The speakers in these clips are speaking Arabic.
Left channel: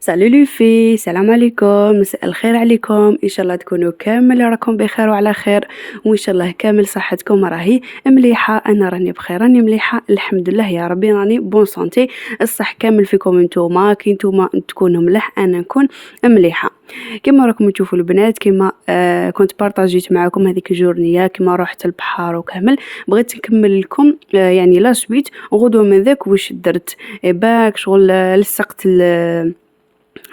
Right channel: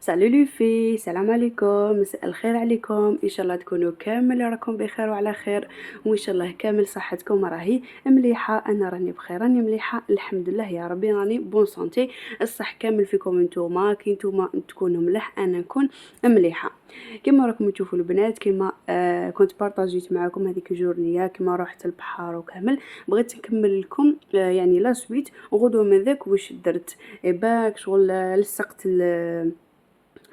سالو لي في السلام عليكم، مساء الخير عليكم. ان شاء الله تكونوا كامل راكم بخير وعلى خير، وان شاء الله كامل صحتكم راهي مليحه. انا راني بخير، راني مليحه الحمد لله يا ربي، راني بون سونتي. الصح كامل فيكم نتوما، كي نتوما تكونوا مليح انا نكون مليحه. كما راكم تشوفوا البنات، كما كنت بارطاجيت معكم هذيك الجورنيه كما رحت البحر وكامل. بغيت نكمل لكم يعني لا سويت غدوه من ذاك واش درت. باك شغل لصقت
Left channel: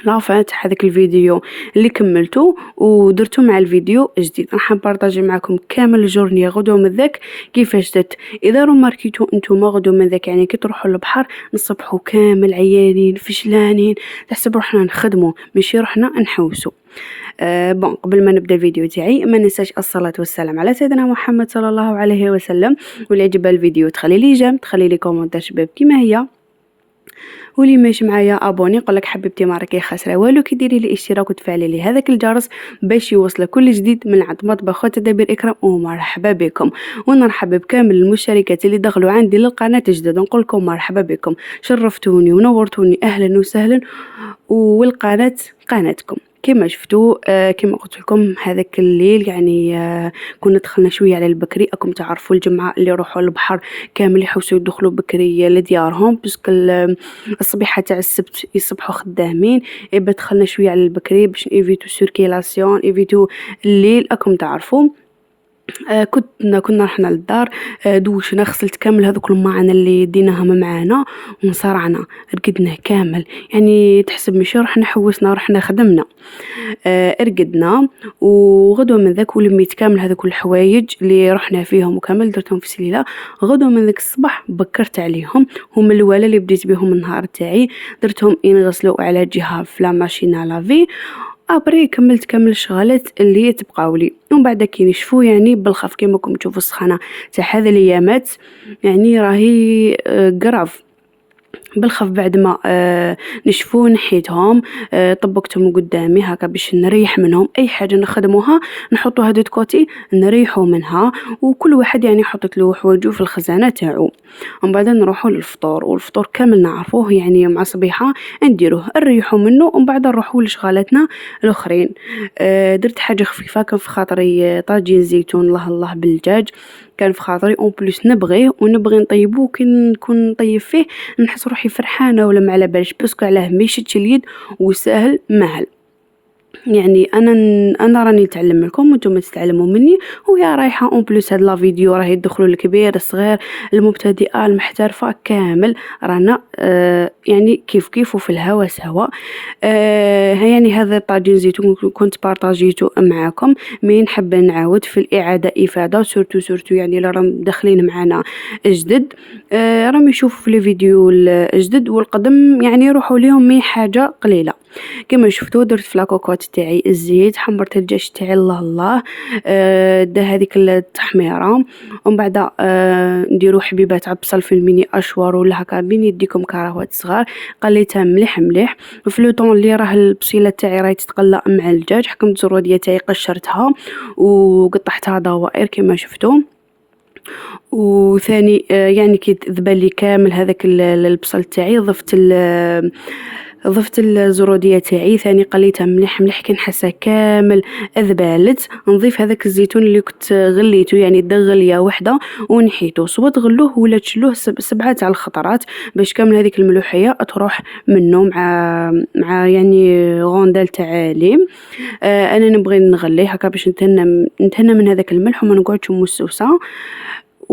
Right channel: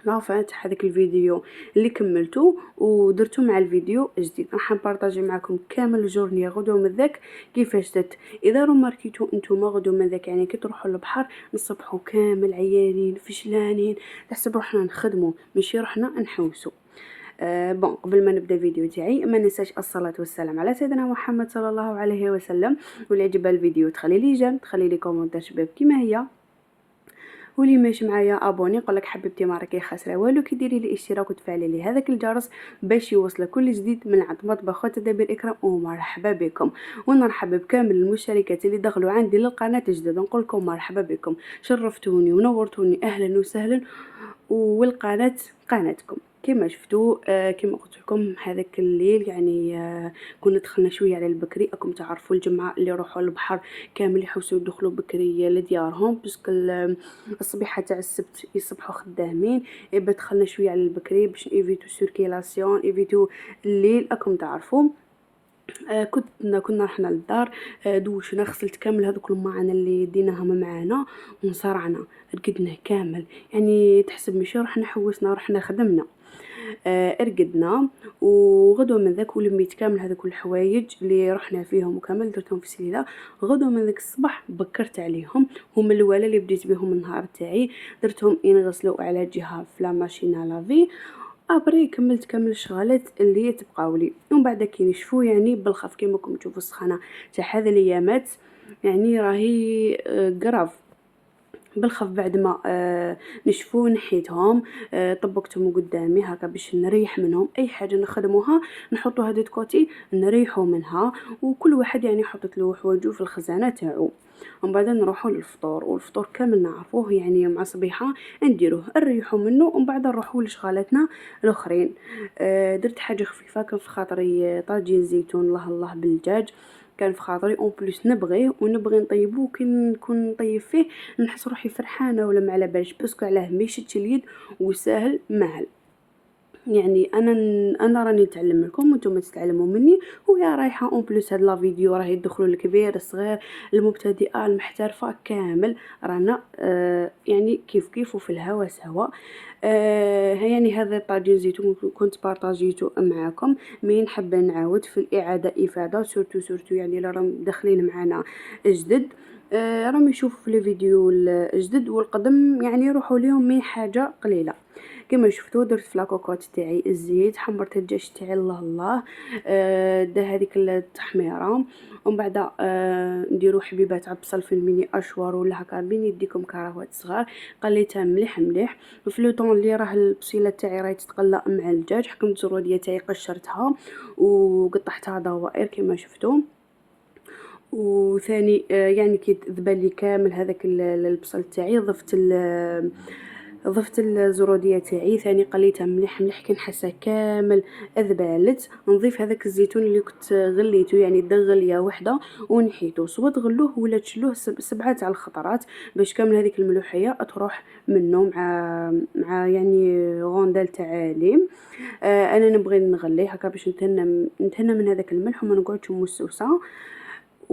لافان تاع هذاك الفيديو اللي كملته ودرته مع الفيديو جديد. راح نبارطاجي معكم كامل الجورنيه غدوه من ذاك كيفاش درت. اذا ماركيتو انتم غدوه من ذاك يعني كي تروحوا للبحر نصبحوا كامل عيانين فشلانين، تحسب روحنا نخدموا ماشي روحنا نحوسوا. بون قبل ما نبدا الفيديو تاعي ما ننساش الصلاه والسلام على سيدنا محمد صلى الله عليه وسلم. واللي عجبها الفيديو تخلي لي جيم، تخلي لي كومونتير شباب كيما هي، واللي ماشي معايا ابوني. نقولك حبيبتي ما راكي خاسره والو كي ديري لي اشتراك وتفعلي لي هذاك الجرس باش يوصلك كل جديد من عند مطبخ وتدابير اكرام. ومرحبا بكم، ونرحب بكامل المشتركات اللي دخلوا عندي للقناه جدد. نقول لكم مرحبا بكم، شرفتوني ونورتوني، اهلا وسهلا. والقناه قناتكم كما شفتوا. كما قلت لكم هذاك الليل يعني كنا دخلنا شويه على البكري. اكم تعرفوا الجمعه اللي يروحوا البحر كامل يحوسوا يدخلوا بكري لديارهم باسكو الصبيحه تاع السبت يصبحوا خدامين. يبقى دخلنا شويه على البكري باش ايفيتو سيركيلاسيون، ايفيتو الليل. اكم تعرفوا كنا رحنا للدار. دوشنا، غسلت كامل هذوك الماعن اللي ديناهم معانا ونصرعنا، رقدنا كامل. يعني تحسب ماشي رحنا حوسنا، رحنا خدمنا. رقدنا وغدوه من ذاك ولميت كامل هذوك الحوايج اللي رحنا فيهم وكامل درتهم في سليله. غدوه من ذاك الصباح بكرت عليهم، هما الاولى اللي بديت بهم النهار تاعي. درتهم ينغسلوا على جهه في لا ماشين لافي. ابري كملت كامل الشغلات اللي تبقاو لي، ومن بعد كي نشفوا يعني بالخف كيما راكم تشوفوا السخانه تاع هذه الايامات يعني راهي قراف بالخف. بعد ما نشفوا نحيتهم، طبقتهم قدامي هكا باش نريح منهم. اي حاجه نخدموها نحطوها دو كوتي نريحوا منها، وكل واحد يعني حطت له حوايجو في الخزانه تاعو. ومن بعد نروحوا للفطور، والفطور كامل نعرفوه يعني مع صبيحه نديروه نريحوا منه، ومن بعد نروحوا لشغالاتنا الاخرين. درت حاجه خفيفه، كان في خاطري طاجين زيتون الله الله بالدجاج. كان في خاطري اون بليس نبغيه ونبغي نطيبوه. كي نكون نطيب فيه نحس روحي فرحانه ولا ما على بالش، باسكو علاه ما يشدش اليد وسهل مهل. يعني انا راني نتعلم لكم وانتم تتعلموا مني. ويا رايحه اون بليس هاد لا فيديو راه يدخلوا الكبير الصغير المبتدئه المحترفه كامل. رانا يعني كيف كيف وفي الهوا سوا. يعني هذا طاجين زيتون كنت بارطاجيته معاكم. مين نحب نعاود في الاعاده افاده، سورتو يعني اللي راهم داخلين معنا جدد. راهم يشوفوا في الفيديو الجدد والقدم يعني يروحوا لهم مي حاجه قليله. كما شفتوا درت في لاكوكوت تاعي الزيت، حمرت الدجاج تاعي الله الله. دا هذيك التحميره. ومن بعد نديروا حبيبات عبصل في الميني اشوار ولا هكا بين يديكم كراهوات صغار. قليتها مليح مليح. في لو طون اللي راه البصيله تاعي راهي تتقلى مع الدجاج، حكمت الزروديه تاعي قشرتها وقطعتها دوائر كما شفتوا. وثاني يعني كي ذبل لي كامل هذاك البصل تاعي ضفت الزروديه تاعي ثاني قليتها مليح مليح. كي نحسها كامل ذبالت نضيف هذاك الزيتون اللي كنت غليته، يعني غليه وحده ونحيته. صوت غلوه ولا تشلوه 7 تاع الخطرات باش كامل هذيك الملوحيه تروح منه مع يعني غوندال تاع ليم. انا نبغي نغليه هكا باش نتهنى من هذاك الملح وما نقعدش موسوسه.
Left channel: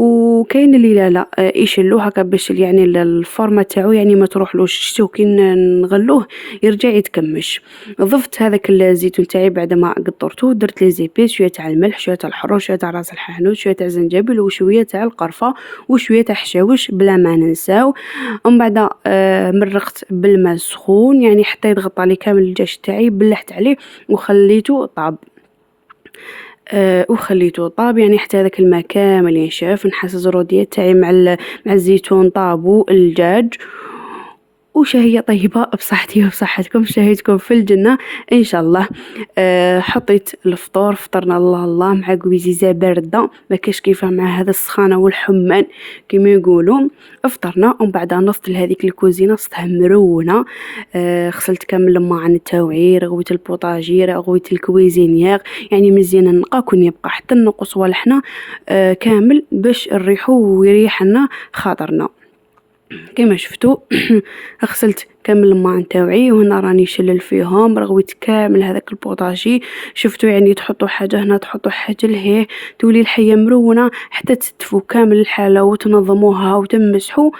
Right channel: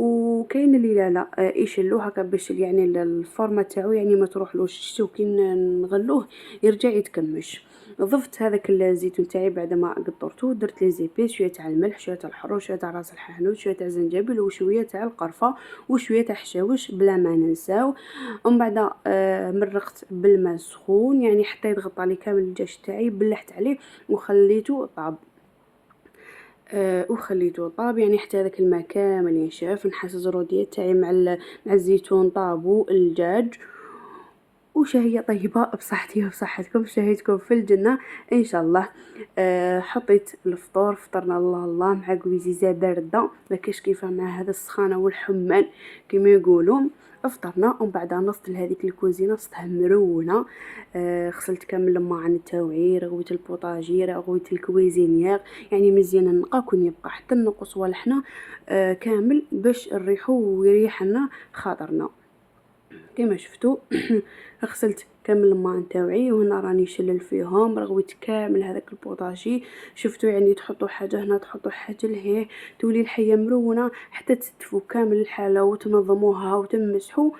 وكاين اللي لا يشلوه هكا باش يعني الفورمه تاعو يعني ما تروحلوش. شتو كي نغلوه يرجع يتكمش. ضفت هذاك الزيتون تاعي بعد ما قطرته، درت لي زيبيس شويه تاع الملح شويه تاع الحروش شويه تاع راس الحانوت شويه تاع الزنجبيل وشويه تاع القرفه وشويه تاع حشاوش بلا ما ننساو. ومن بعد مرقت بالماء سخون يعني حتى يتغطى لي كامل الدجاج تاعي، بلحت عليه وخليته طاب. وخليته طاب يعني حتى هذاك الماء كامل ينشف. نحس الزروديه تاعي مع الزيتون طابوا الدجاج. وشهية طيبة بصحتي وبصحتكم، شهيتكم في الجنة إن شاء الله. حطيت الفطور، فطرنا الله الله مع قويزيزة باردة، ما كاش كيفها مع هذا السخانة والحمان كما يقولوا. فطرنا ومن بعد نصت لهذيك الكوزينة صتها مرونة. غسلت كامل الماعن تاوعي، رغويت البوطاجي، رغويت الكويزينيير، يعني مزيان نقا كون يبقى حتى النقص والحنا كامل باش نريحو ويريح لنا خاطرنا كما شفتوا. غسلت كامل الماء نتاوعي وهنا راني شلل فيهم، رغويت كامل هذاك البوطاجي. شفتوا يعني تحطوا حاجه هنا تحطوا حاجه لهيه، تولي الحيه مرونه حتى تتفوا كامل الحاله وتنظموها وتمسحوا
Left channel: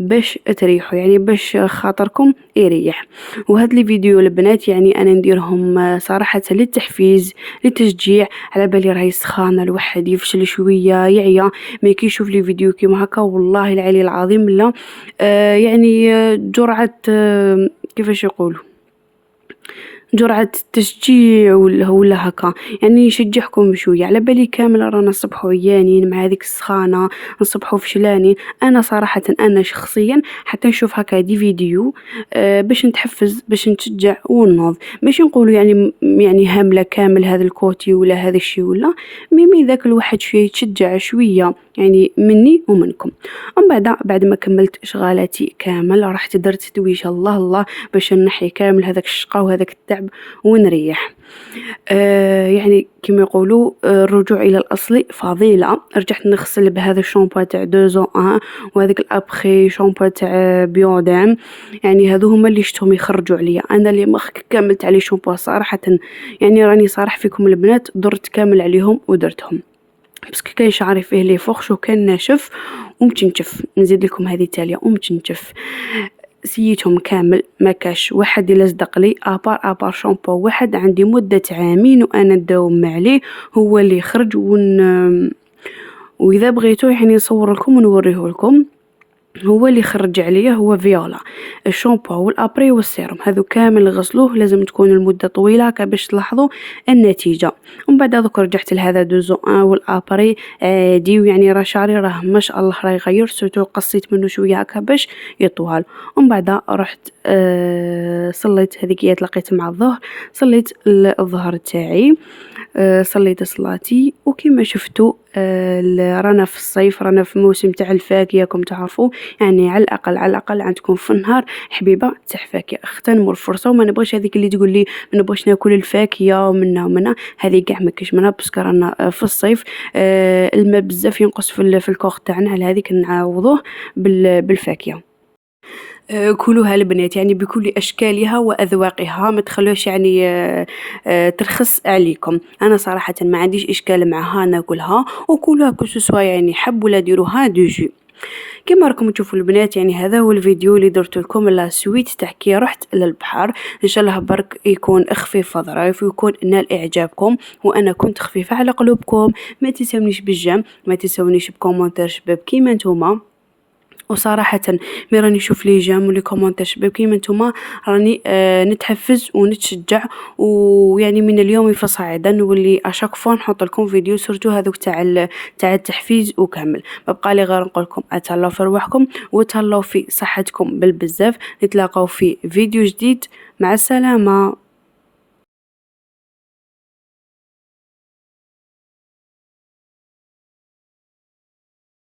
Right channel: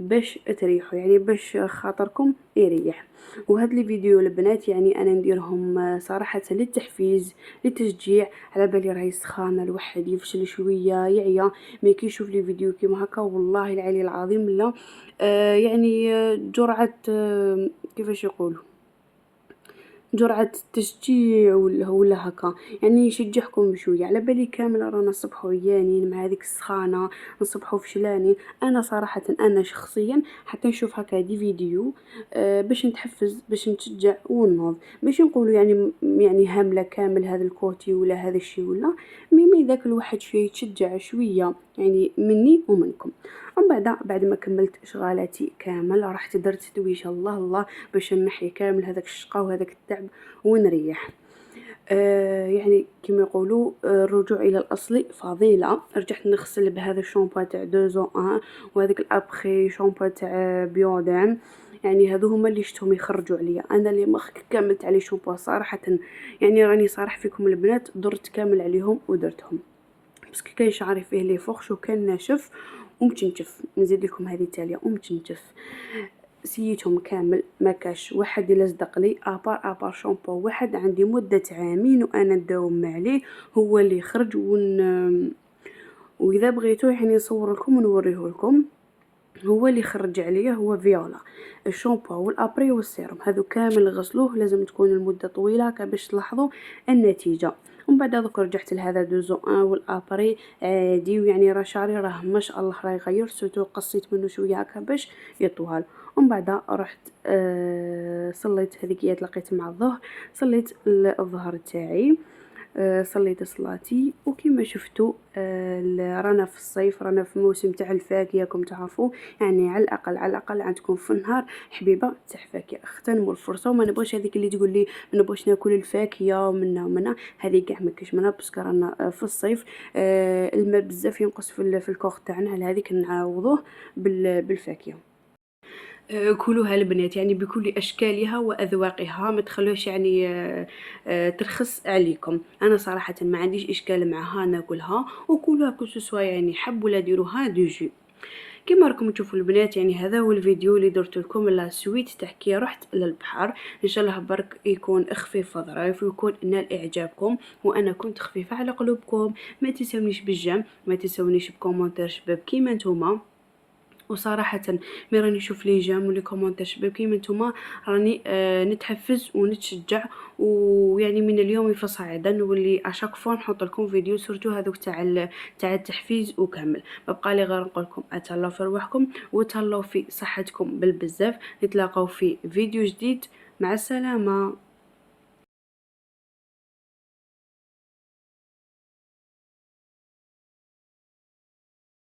باش تريحوا، يعني باش خاطركم يريح. وهاد لي فيديو البنات يعني انا نديرهم صراحه للتحفيز للتشجيع، على بالي راهي سخانه الواحد يفشل شويه يعيا ما كيشوف لي فيديو كيما هكا. والله العلي العظيم لا يعني جرعه كيفاش يقولوا جرعة تشجيع ولا هكا، يعني يشجعكم شوية. على بالي كامل رانا نصبحوا عيانين مع هذيك السخانة، نصبحوا فشلانين. انا صراحة انا شخصيا حتى نشوف هكا دي فيديو باش نتحفز باش نتشجع ونوض، باش نقولوا يعني هاملة كامل هذا الكوتي ولا هذا الشيء ولا ميمي ذاك الواحد شوية يتشجع شوية يعني مني ومنكم. ومن بعد ما كملت شغالاتي كامل رحت درت دويشة الله الله باش نحي كامل هذاك الشقا وهذاك التعب ونريح. يعني كما يقولوا الرجوع الى الاصل فضيله. رجعت نغسل بهذا الشامبو تاع دوزو ان وهذاك الابخي شامبو تاع بيودام، يعني هذو هما اللي شفتهم يخرجوا عليا. انا اللي ما كملت عليه شامبو صراحه، يعني راني صارح فيكم البنات درت كامل عليهم ودرتهم، بس كاين شعري فيه لي فوخش وكان ناشف ومتنشف. نزيد لكم هذه تاليه ومتنشف، سيتهم كامل ما كاش واحد يلزق لي ابار شامبو واحد عندي مده عامين وانا نداوم عليه هو اللي خرج واذا بغيتو يعني نصور لكم ونوريه لكم. هو اللي خرج عليا هو فيولا الشامبو والابري والسيروم، هذو كامل غسلوه لازم تكون المده طويله باش تلاحظوا النتيجه. ومن بعد دوك رجعت لهذا دوزو ان والابري عادي، ويعني راه شعري راه ما شاء الله راه يغير، سورتو قصيت منه شويه هكا باش يطول. ومن بعد رحت صليت هذيك لقيت مع الظهر، صليت الظهر تاعي، صليت صلاتي. وكما شفتوا رانا في الصيف، رانا في موسم تاع الفاكهه كم تعرفوا، يعني على الاقل عندكم في النهار حبيبه تاع فاكهه. اغتنموا الفرصه وما نبغيش هذيك اللي تقول لي ما نبغيش ناكل الفاكهه ومنها هذه كاع ما كاش منها، باسكو رانا في الصيف الماء بزاف ينقص في الكوخ تاعنا، على هذيك نعوضوه بالفاكهه. كلوها البنات يعني بكل أشكالها وأذواقها، ما تخلوش يعني ترخص عليكم. أنا صراحة ما عنديش إشكال معها ناكلها وكلها كسوسوا، يعني حب ولا ديروها دوجي كما راكم تشوفوا البنات. يعني هذا هو الفيديو اللي درت لكم لا سويت تاع كي رحت للبحر. ان شاء الله برك يكون خفيف ظرايف ويكون نال اعجابكم وانا كنت خفيفه على قلوبكم. ما تنسونيش بالجيم، ما تنسونيش بكومنتير شباب كيما نتوما. وصراحة مي راني نشوف لي جيم ولي كومونتير شباب كيما نتوما راني نتحفز ونتشجع، ويعني من اليوم فصاعدا نولي اشاك فوا نحط لكم فيديو سورتو هذوك تاع التحفيز وكامل. ببقى لي غير نقول لكم اتهلاو في رواحكم وتهلاو في صحتكم بالبزاف. نتلاقاو في فيديو جديد، مع السلامة.